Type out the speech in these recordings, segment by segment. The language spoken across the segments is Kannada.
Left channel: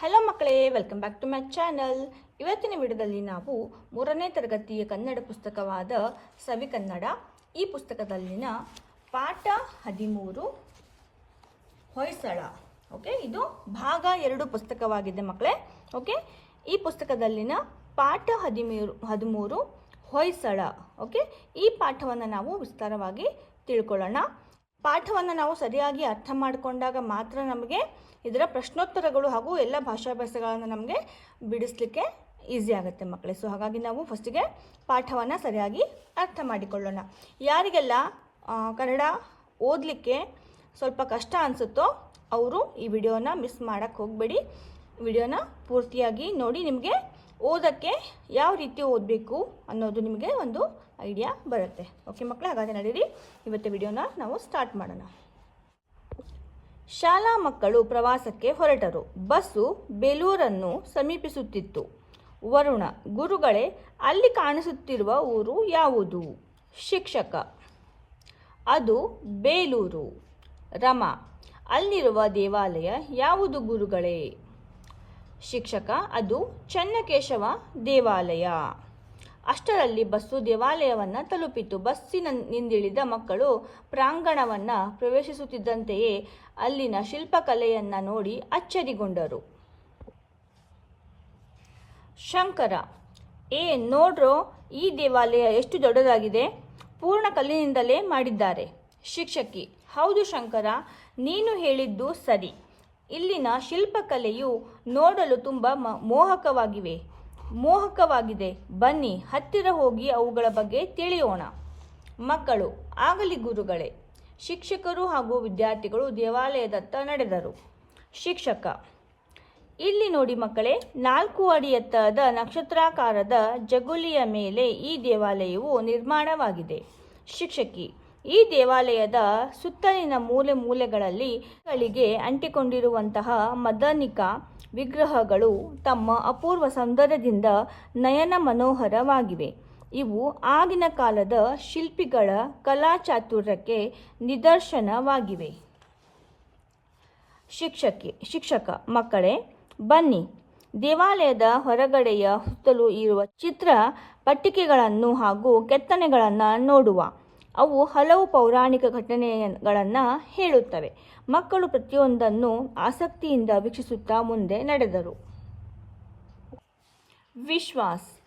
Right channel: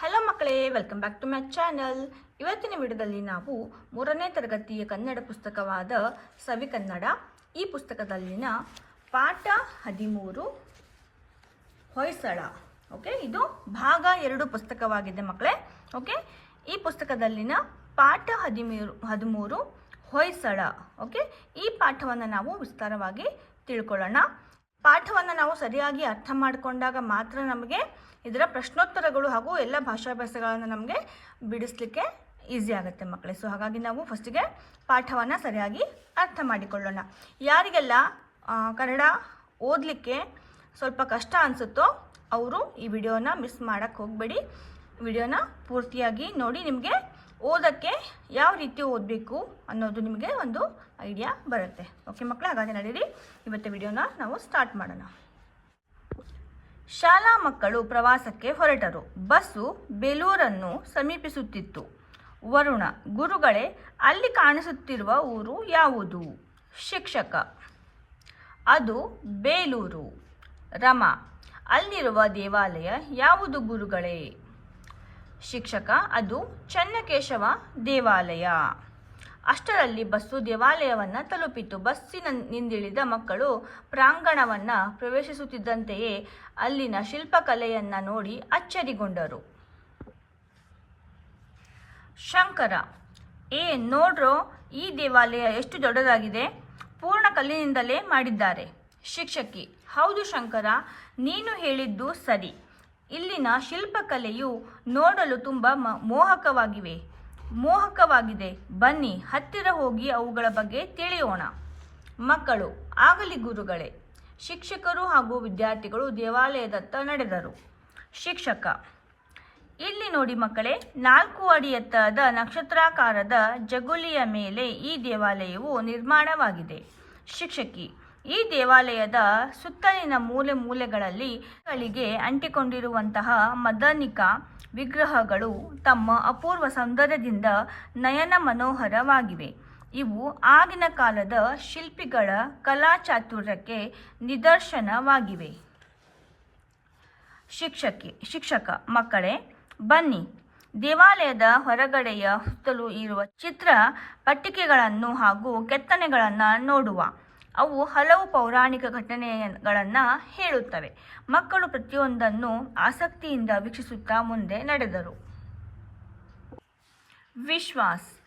ಹಲೋ ಮಕ್ಕಳೇ welcome back to my channel ಇವತ್ತಿನ ವಿಡಿಯೋದಲ್ಲಿ ನಾವು ಮೂರನೇ ತರಗತಿಯ ಕನ್ನಡ ಪುಸ್ತಕವಾದ ಸವಿ ಕನ್ನಡ. ಈ ಪುಸ್ತಕದಲ್ಲಿನ ಪಾಠ ಹದಿಮೂರು, ಹೊಯ್ಸಳ ಓಕೆ ಇದು ಭಾಗ ಎರಡು ಪುಸ್ತಕವಾಗಿದೆ ಮಕ್ಕಳೇ ಓಕೆ ಈ ಪುಸ್ತಕದಲ್ಲಿನ ಪಾಠ ಹದಿಮೂರು ಹದಿಮೂರು, ಹೊಯ್ಸಳ ಓಕೆ ಈ ಪಾಠವನ್ನು ನಾವು ವಿಸ್ತಾರವಾಗಿ ತಿಳ್ಕೊಳ್ಳೋಣ. ಪಾಠವನ್ನು ನಾವು ಸರಿಯಾಗಿ ಅರ್ಥ ಮಾಡಿಕೊಂಡಾಗ ಮಾತ್ರ ನಮಗೆ ಇದರ ಪ್ರಶ್ನೋತ್ತರಗಳು ಹಾಗೂ ಎಲ್ಲ ಭಾಷಾಭ್ಯಾಸಗಳನ್ನು ನಮಗೆ ಬಿಡಿಸ್ಲಿಕ್ಕೆ ಈಸಿ ಆಗುತ್ತೆ ಮಕ್ಕಳೇ ಸೊ ಹಾಗಾಗಿ ನಾವು ಫಸ್ಟಿಗೆ ಪಾಠವನ್ನು ಸರಿಯಾಗಿ ಅರ್ಥ ಮಾಡಿಕೊಳ್ಳೋಣ. ಯಾರಿಗೆಲ್ಲ ಕನ್ನಡ ಓದಲಿಕ್ಕೆ ಸ್ವಲ್ಪ ಕಷ್ಟ ಅನಿಸುತ್ತೋ ಅವರು ಈ ವಿಡಿಯೋನ ಮಿಸ್ ಮಾಡೋಕ್ಕೆ ಹೋಗಬೇಡಿ. ವಿಡಿಯೋನ ಪೂರ್ತಿಯಾಗಿ ನೋಡಿ ನಿಮಗೆ ಓದೋಕ್ಕೆ ಯಾವ ರೀತಿ ಓದಬೇಕು ಅನ್ನೋದು ನಿಮಗೆ ಒಂದು ಐಡಿಯಾ ಬರುತ್ತೆ. ಓಕೆ ಮಕ್ಕಳೇ ಹಾಗಾದರೆ ನಡೀರಿ. ಇವತ್ತು ವಿಡಿಯೋನ ನಾವು ಸ್ಟಾರ್ಟ್ ಮಾಡೋಣ. ಶಾಲಾ ಮಕ್ಕಳು ಪ್ರವಾಸಕ್ಕೆ ಹೊರಟರು. ಬಸ್ಸು ಬೇಲೂರನ್ನು ಸಮೀಪಿಸುತ್ತಿತ್ತು. ವರುಣ, ಗುರುಗಳೇ, ಅಲ್ಲಿ ಕಾಣಿಸುತ್ತಿರುವ ಊರು ಯಾವುದು? ಶಿಕ್ಷಕ. ಅದು ಬೇಲೂರು. ರಮ, ಅಲ್ಲಿರುವ ದೇವಾಲಯ ಯಾವುದು ಗುರುಗಳೇ? ಶಿಕ್ಷಕ, ಅದು ಚನ್ನಕೇಶವ ದೇವಾಲಯ. ಅಷ್ಟರಲ್ಲಿ ಬಸ್ಸು ದೇವಾಲಯವನ್ನು ತಲುಪಿತು. ಬಸ್ಸಿನ ನಿಂದಿಳಿದ ಮಕ್ಕಳು ಪ್ರಾಂಗಣವನ್ನು ಪ್ರವೇಶಿಸುತ್ತಿದ್ದಂತೆಯೇ ಅಲ್ಲಿನ ಶಿಲ್ಪಕಲೆಯನ್ನು ನೋಡಿ ಅಚ್ಚರಿಗೊಂಡರು. ಶಂಕರ, ಏ ನೋಡ್ರೋ, ಈ ದೇವಾಲಯ ಎಷ್ಟು ದೊಡ್ಡದಾಗಿದೆ. ಪೂರ್ಣ ಕಲ್ಲಿನಿಂದಲೇ ಮಾಡಿದ್ದಾರೆ. ಶಿಕ್ಷಕಿ, ಹೌದು ಶಂಕರ, ನೀನು ಹೇಳಿದ್ದು ಸರಿ. ಇಲ್ಲಿನ ಶಿಲ್ಪಕಲೆಯು ನೋಡಲು ತುಂಬ ಮೋಹಕವಾಗಿವೆ. ಮೋಹಕವಾಗಿದೆ. ಬನ್ನಿ, ಹತ್ತಿರ ಹೋಗಿ ಅವುಗಳ ಬಗ್ಗೆ ತಿಳಿಯೋಣ. ಮಕ್ಕಳು, ಆಗಲಿ ಗುರುಗಳೇ. ಶಿಕ್ಷಕರು ಹಾಗೂ ವಿದ್ಯಾರ್ಥಿಗಳು ದೇವಾಲಯದತ್ತ ನಡೆದರು. ಶಿಕ್ಷಕ, ಇಲ್ಲಿ ನೋಡಿ ಮಕ್ಕಳೇ, ನಾಲ್ಕು ಅಡಿ ಎತ್ತರದ ನಕ್ಷತ್ರಾಕಾರದ ಜಗುಲಿಯ ಮೇಲೆ ಈ ದೇವಾಲಯವು ನಿರ್ಮಾಣವಾಗಿದೆ. ಶಿಕ್ಷಕಿ ಈ ದೇವಾಲಯದ ಸುತ್ತಲಿನ ಮೂಲೆ ಮೂಲೆಗಳಲ್ಲಿ ಗಳಿಗೆ ಅಂಟಿಕೊಂಡಿರುವಂತಹ ಮದನಿಕ ವಿಗ್ರಹಗಳು ತಮ್ಮ ಅಪೂರ್ವ ಸೌಂದರ್ಯದಿಂದ ನಯನ ಮನೋಹರವಾಗಿವೆ. ಇವು ಆಗಿನ ಕಾಲದ ಶಿಲ್ಪಿಗಳ ಕಲಾಚಾತುರ್ಯಕ್ಕೆ ನಿದರ್ಶನವಾಗಿವೆ. ಶಿಕ್ಷಕಿ, ಶಿಕ್ಷಕ, ಮಕ್ಕಳೇ, ಬನ್ನಿ. ದೇವಾಲಯದ ಹೊರಗಡೆಯ ಸುತ್ತಲೂ ಇರುವ ಚಿತ್ರ ಪಟ್ಟಿಕೆಗಳನ್ನು ಹಾಗೂ ಕೆತ್ತನೆಗಳನ್ನು ನೋಡುವ. ಅವು ಹಲವು ಪೌರಾಣಿಕ ಘಟನೆಗಳನ್ನು ಹೇಳುತ್ತವೆ. ಮಕ್ಕಳು ಪ್ರತಿಯೊಂದನ್ನು ಆಸಕ್ತಿಯಿಂದ ವೀಕ್ಷಿಸುತ್ತಾ ಮುಂದೆ ನಡೆದರು. ವಿಶ್ವಾಸ್,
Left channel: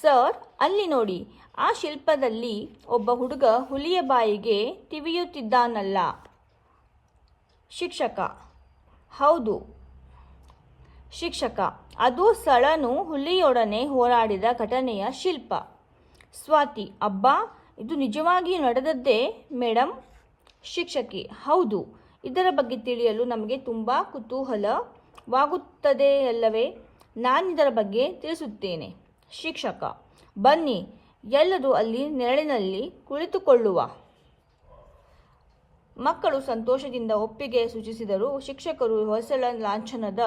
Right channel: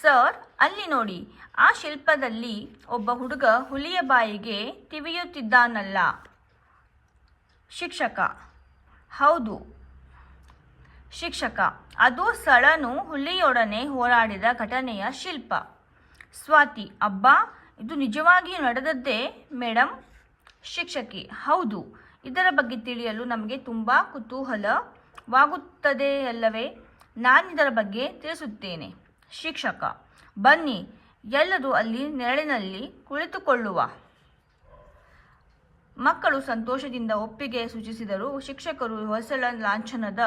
ಸರ್, ಅಲ್ಲಿ ನೋಡಿ. ಆ ಶಿಲ್ಪದಲ್ಲಿ ಒಬ್ಬ ಹುಡುಗ ಹುಲಿಯ ಬಾಯಿಗೆ ತಿವಿಯುತ್ತಿದ್ದಾನಲ್ಲ ಶಿಕ್ಷಕ. ಹೌದು. ಶಿಕ್ಷಕ. ಅದು ಸಳನು ಹುಲಿಯೊಡನೆ ಹೋರಾಡಿದ ಘಟನೆಯ ಶಿಲ್ಪ. ಸ್ವಾತಿ, ಅಬ್ಬಾ ಇದು ನಿಜವಾಗಿ ನಡೆದದ್ದೇ ಮೇಡಮ್ ಶಿಕ್ಷಕಿ, ಹೌದು. ಇದರ ಬಗ್ಗೆ ತಿಳಿಯಲು ನಮಗೆ ತುಂಬ ಕುತೂಹಲವಾಗುತ್ತದೆ ಅಲ್ಲವೇ? ನಾನಿದರ ಬಗ್ಗೆ ತಿಳಿಸುತ್ತೇನೆ. ಶಿಕ್ಷಕ, ಬನ್ನಿ ಎಲ್ಲರೂ ಅಲ್ಲಿ ನೆರಳಿನಲ್ಲಿ ಕುಳಿತುಕೊಳ್ಳುವ. ಮಕ್ಕಳು ಸಂತೋಷದಿಂದ ಒಪ್ಪಿಗೆ ಸೂಚಿಸಿದರು. ಶಿಕ್ಷಕರು ಹೊಸಳ ಲಾಂಛನದ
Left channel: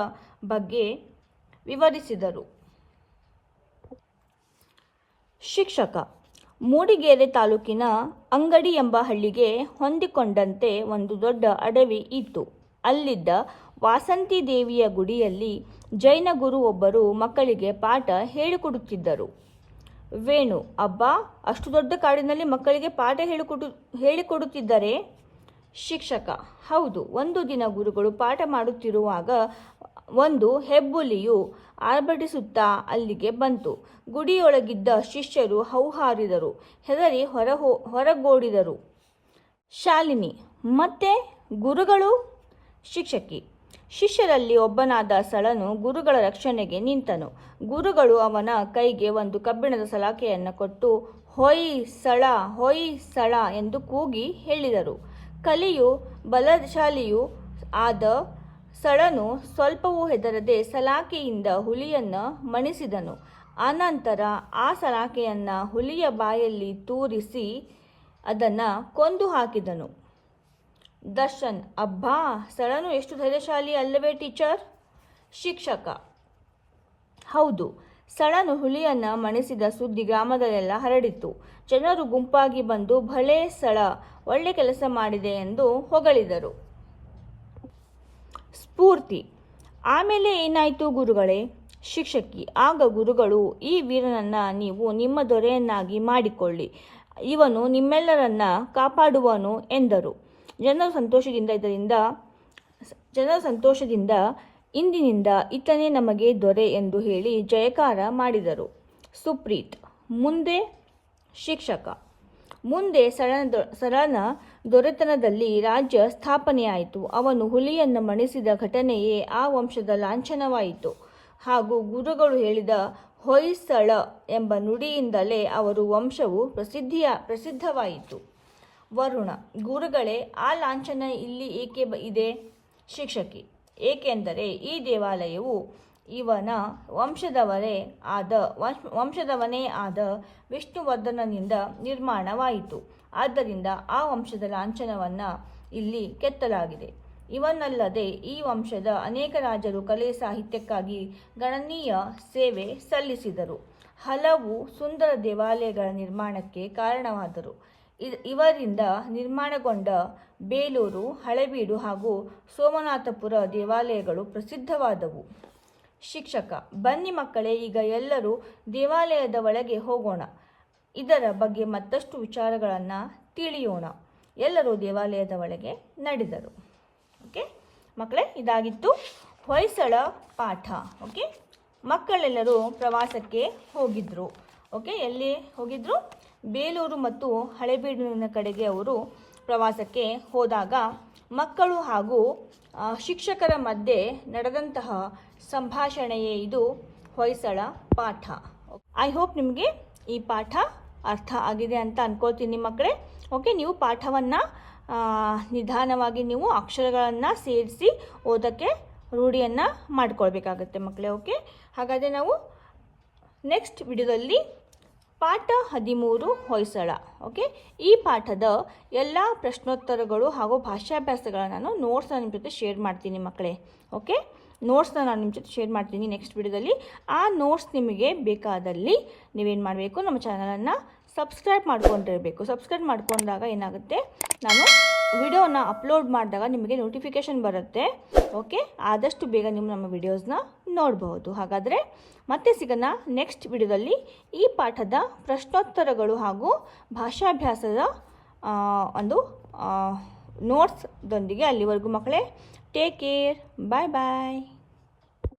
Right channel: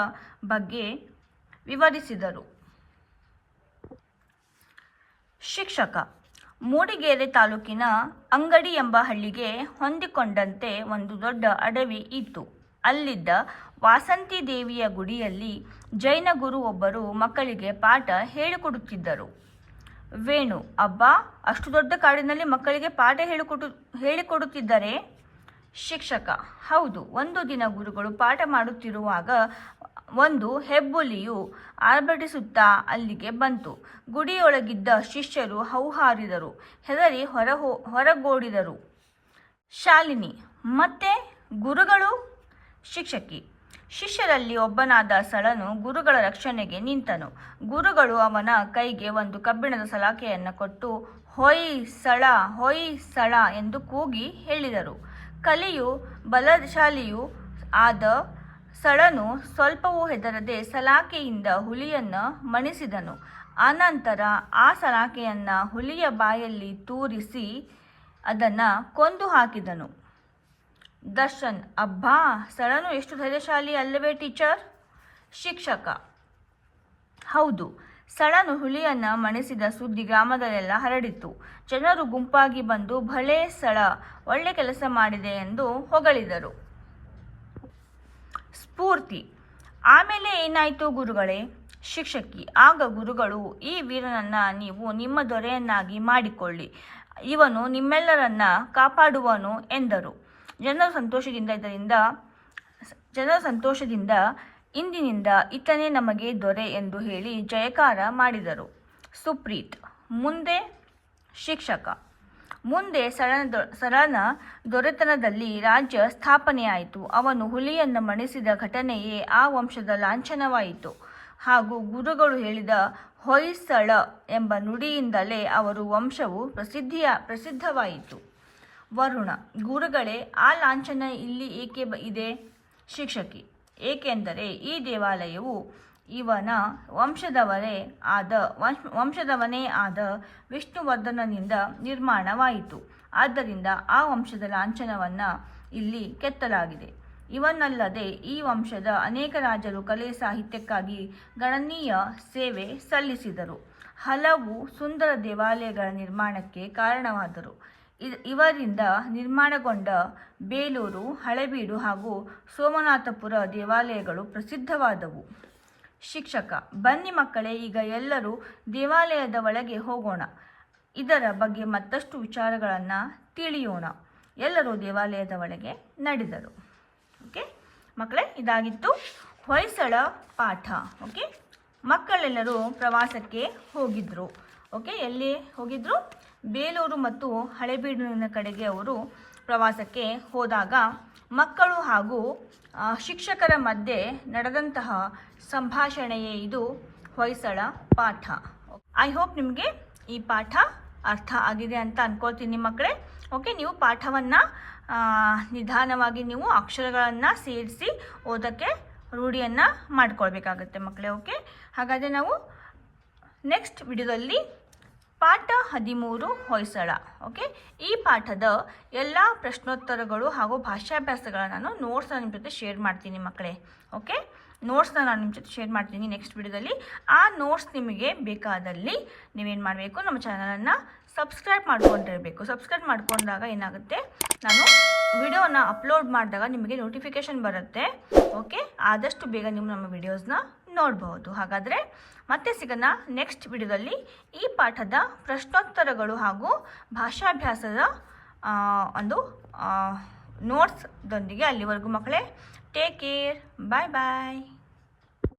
ಬಗ್ಗೆ ವಿವರಿಸಿದರು. ಶಿಕ್ಷಕ ಮೂಡಿಗೆರೆ ತಾಲೂಕಿನ ಅಂಗಡಿ ಎಂಬ ಹಳ್ಳಿಗೆ ಹೊಂದಿಕೊಂಡಂತೆ ಒಂದು ದೊಡ್ಡ ಅಡವಿ ಇತ್ತು. ಅಲ್ಲಿದ್ದ ವಾಸಂತಿ ದೇವಿಯ ಗುಡಿಯಲ್ಲಿ ಜೈನ ಗುರು ಒಬ್ಬರು ಮಕ್ಕಳಿಗೆ ಪಾಠ ಹೇಳಿಕೊಡುತ್ತಿದ್ದರು. ವೇಣು, ಅಬ್ಬ, ಅಷ್ಟು ದೊಡ್ಡ ಕಾಡಿನಲ್ಲಿ ಮಕ್ಕಳಿಗೆ ಪಾಠ ಹೇಳಿಕೊಡು, ಹೇಳಿಕೊಡುತ್ತಿದ್ದರೆ? ಶಿಕ್ಷಕ, ಹೌದು, ಒಂದು ದಿನ ಗುರುಗಳು ಪಾಠ ಮಾಡುತ್ತಿರುವಾಗ ಒಂದು ಹೆಬ್ಬುಲಿಯು ಆರ್ಭಟಿಸುತ್ತಾ ಅಲ್ಲಿಗೆ ಬಂತು. ಗುಡಿಯೊಳಗಿದ್ದ ಶಿಷ್ಯರು ಹೌಹಾರಿದರು, ಹೆದರಿ ಹೊರ ಹೊರಗೋಡಿದರು. ಶಾಲಿನಿ, ಮತ್ತೆ ಗುರುಗಳು? ಶಿಕ್ಷಕಿ. ಶಿಷ್ಯರಲ್ಲಿ ಒಬ್ಬನಾದ ಸಳನು ಗುರುಗಳ ರಕ್ಷಣೆಗೆ ನಿಂತನು. ಗುರುಗಳು ಅವನ ಕೈಗೆ ಒಂದು ಕಬ್ಬಿಣದ ಸಲಾಕೆಯನ್ನು ಕೊಟ್ಟು, ಹೊಯ್ ಸಳ ಹೊಯ್ ಸಳ ಎಂದು ಕೂಗಿ ಹೇಳಿದರು. ಕಲಿಯು, ಬಲಶಾಲಿಯು ಆದ ಸಳನು ಸ್ವಲ್ಪವೂ ಹೆದರದೆ ಸಲಾಕೆಯಿಂದ ಹುಲಿಯನ್ನು ಮಣಿಸಿದನು. ಆನಂತರ ಆ ಸಲಾಕೆಯನ್ನು ಹುಲಿಯ ಬಾಯಲ್ಲಿ ತೂರಿಸಿ ಅದನ್ನು ಕೊಂದು ಹಾಕಿದನು. ದರ್ಶನ್, ಅಬ್ಬಾ ಸಳನು ಎಷ್ಟು ಧೈರ್ಯಶಾಲಿ ಅಲ್ಲವೇ ಟೀಚರ್? ಶಿಕ್ಷಕ, ಹೌದು ಸಳನು ಹುಲಿಯನ್ನ ಮಣಿಸಿದ ಸುದ್ದಿ ಗ್ರಾಮದಲ್ಲೆಲ್ಲ ಹರಡಿತು ಜನರು ಗುಂಪಾಗಿ ಬಂದು ಭಲೇ ಸಳ, ಒಳ್ಳೆ ಕೆಲಸ ಮಾಡಿದೆ ಎಂದು ಹೊಗಳಿದರು. ಸ್ಫೂರ್ತಿ. ಆಮೇಲೆ ಏನಾಯಿತು ಗುರುಗಳೇ? ಶಿಕ್ಷಕಿ, ಆಗ ಗುರುಗಳು, ಈ ವೀರನನ್ನ ನೀವು ನಿಮ್ಮ ದೊರೆಯನ್ನಾಗಿ ಮಾಡಿಕೊಳ್ಳಿ. ಇವನು ನಿಮ್ಮೆಲ್ಲರನ್ನ ಕಾಪಾಡುವನು ಎಂದರು. ಜನರ ಸಂತೋಷದಿಂದ ಇದರಿಂದ, ಜನರ ಸಂತೋಷದಿಂದ ಇಂದಿನಿಂದ ಈತನೇ ನಮಗೆ ದೊರೆ ಎಂದು ಹೇಳಿ ಜಯಕಾರ ಮಾಡಿದರು. ಸುಪ್ರೀತ್, ಮುಂದೆ ಶಿಕ್ಷಕ. ಮುಂದೆ ಸರಣ ಸರಣ ದೊರೆತನದಲ್ಲಿ ರಾಜ್ಯ ಸ್ಥಾಪನೆಯಾಯಿತು. ಅವನು ಹುಲಿಯನ್ನು ಮಣಿಸಿದ ಘಟನೆಯೇ ಆ ವಂಶದ ಲಾಂಛನವಾಯಿತು. ಹಾಗೂ ಗುರುಗಳು ಹೇಳಿದ ಹೊಯ್ಸಳ ಎಂಬ ನುಡಿಯಿಂದಲೇ ಅವರು ವಂಶವು ಪ್ರಸಿದ್ಧಿಯ, ಪ್ರಸಿದ್ಧವಾಯಿತು. ವರುಣ, ಗುರುಗಳೇ, ಆ ಲಾಂಛನ ಇಲ್ಲಿ ಏಕೆ ಇದೆ? ಶಿಕ್ಷಕಿ, ಏಕೆಂದರೆ ಈ ದೇವಾಲಯವು ಇವನ ವಂಶದವರೇ ಆದ ವಂಶ- ವಂಶದವನೇ ಆದ ವಿಷ್ಣುವರ್ಧನನಿಂದ ನಿರ್ಮಾಣವಾಯಿತು. ಆದ್ದರಿಂದ ಆ ವಂಶದ ಲಾಂಛನವನ್ನು ಇಲ್ಲಿ ಕೆತ್ತಲಾಗಿದೆ. ಇವನಲ್ಲದೆ ಈ ವಂಶದ ಅನೇಕ ರಾಜರು ಕಲೆ ಸಾಹಿತ್ಯಕ್ಕಾಗಿ ಗಣನೀಯ ಸೇವೆ ಸಲ್ಲಿಸಿದರು. ಹಲವು ಸುಂದರ ದೇವಾಲಯಗಳ ನಿರ್ಮಾಣಕ್ಕೆ ಕಾರಣವಾದರು. ಇವರಿಂದ ನಿರ್ಮಾಣಗೊಂಡ ಬೇಲೂರು, ಹಳೆಬೀಡು ಹಾಗೂ ಸೋಮನಾಥಪುರ ದೇವಾಲಯಗಳು ಪ್ರಸಿದ್ಧವಾದವು. ಶಿಕ್ಷಕ, ಬನ್ನಿ ಮಕ್ಕಳೇ, ಈಗ ಎಲ್ಲರೂ ದೇವಾಲಯದ ಒಳಗೆ ಹೋಗೋಣ. ಇದರ ಬಗ್ಗೆ ಮತ್ತಷ್ಟು ವಿಚಾರಗಳನ್ನು ತಿಳಿಯೋಣ. ಎಲ್ಲರೂ ದೇವಾಲಯದ ಒಳಗೆ ನಡೆದರು. ಓಕೆ? ಮಕ್ಕಳೇ, ಇದಾಗಿತ್ತು ಹೊಯ್ಸಳ ಪಾಠ. ಓಕೆ? ಮಕ್ಕಳೆಲ್ಲರೂ ಪ್ರವಾಸಕ್ಕೆ ಹೋಗಿದ್ರು. ಓಕೆ? ಎಲ್ಲಿ ಹೋಗಿದ್ರು? ಬೇಲೂರು ಮತ್ತು ಹಳೆಬೀಡಿನ ಕಡೆಗೆ ಅವರು ಪ್ರವಾಸಕ್ಕೆ ಹೋದಾಗ ಮಕ್ಕಳು ಹಾಗೂ ಶಿಕ್ಷಕರ ಮಧ್ಯೆ ನಡೆದಂತಹ ಸಂಭಾಷಣೆಯೇ ಇದು. ಹೊಯ್ಸಳ ಪಾಠ. ಐ ಹೋಪ್ ನಿಮಗೆ ಈ ಪಾಠ ಅರ್ಥ ಆಗಿದೆ ಅಂತ ಅನ್ಕೊಳ್ತೀನಿ ಮಕ್ಕಳೇ. ಓಕೆ ನೀವು ಪಾಠವನ್ನು ನಿಧಾನವಾಗಿ ನೀವು ಅಕ್ಷರಗಳನ್ನು ಸೇರಿಸಿ ಓದೋಕ್ಕೆ ರೂಢಿಯನ್ನು ಮಾಡ್ಕೊಳ್ಬೇಕಾಗತ್ತೆ ಮಕ್ಕಳೇ ಓಕೆ ಹಾಗಾದರೆ ನಾವು ನೆಕ್ಸ್ಟ್ ವಿಡಿಯೋದಲ್ಲಿ ಪಾಠ ಹದಿಮೂರು ಹೊಯ್ಸಳ ಓಕೆ ಈ ಪಾಠದ ಎಲ್ಲ ಪ್ರಶ್ನೋತ್ತರಗಳು ಹಾಗೂ ಭಾಷಾಭ್ಯಾಸಗಳನ್ನು ನಾನು ನೋಟ್ಸ್ನ ನಿಮ್ಮ ಜೊತೆ ಶೇರ್ ಮಾಡ್ತೀನಿ ಮಕ್ಕಳೇ ಓಕೆ ನೋಟ್ಸ್ನ ನಾನು ನಿಮ್ಮ ಜೊತೆ ಶೇರ್ ಮಾಡ್ತೀನಿ ನೆಕ್ಸ್ಟ್ ವಿಡಿಯೋದಲ್ಲಿ. ಆ ನೋಟ್ಸ್ ನಿಮಗೆ ಬೇಕಾದಲ್ಲಿ ನೀವೇನು ಮಾಡಬೇಕು? ನಮ್ಮ ಚಾನಲನ್ನು ಸಬ್ಸ್ಕ್ರೈಬ್ ಮಾಡ್ಕೊಂಡಿರಬೇಕು. ಸಬ್ಸ್ಕ್ರೈಬ್ ಮಾಡ್ಕೊಂಡಾಗ ಏನಾಗುತ್ತೆ? ನಾನು ವಿಡಿಯೋನ ಅಪ್ಲೋಡ್ ಮಾಡಿದಾಗ ನಿಮಗೆ ನೋಟಿಫಿಕೇಷನ್ ಬರುತ್ತೆ. ಓಕೆ ಆದಷ್ಟು ಬೇಗ ನೀವು ನಮ್ಮ ವಿಡಿಯೋಸ್ನ ನೋಡಬಹುದು ಹಾಗಾದರೆ ಮತ್ತೆ ಸಿಗೋಣ ನೆಕ್ಸ್ಟ್ ವಿಡಿಯೋದಲ್ಲಿ ಈ ಪಾಠದ ಪ್ರಶ್ನೋತ್ತರಗಳು ಹಾಗೂ ಭಾಷಾಭ್ಯಾಸದ ಒಂದು ನೋಟ್ಸ್ದೊಂದಿಗೆ ಅಲ್ಲಿವರೆಗೂ ಮಕ್ಕಳೇ ಟೇಕ್ ಕೇರ್ ಬಾಯ್ ಬಾಯ್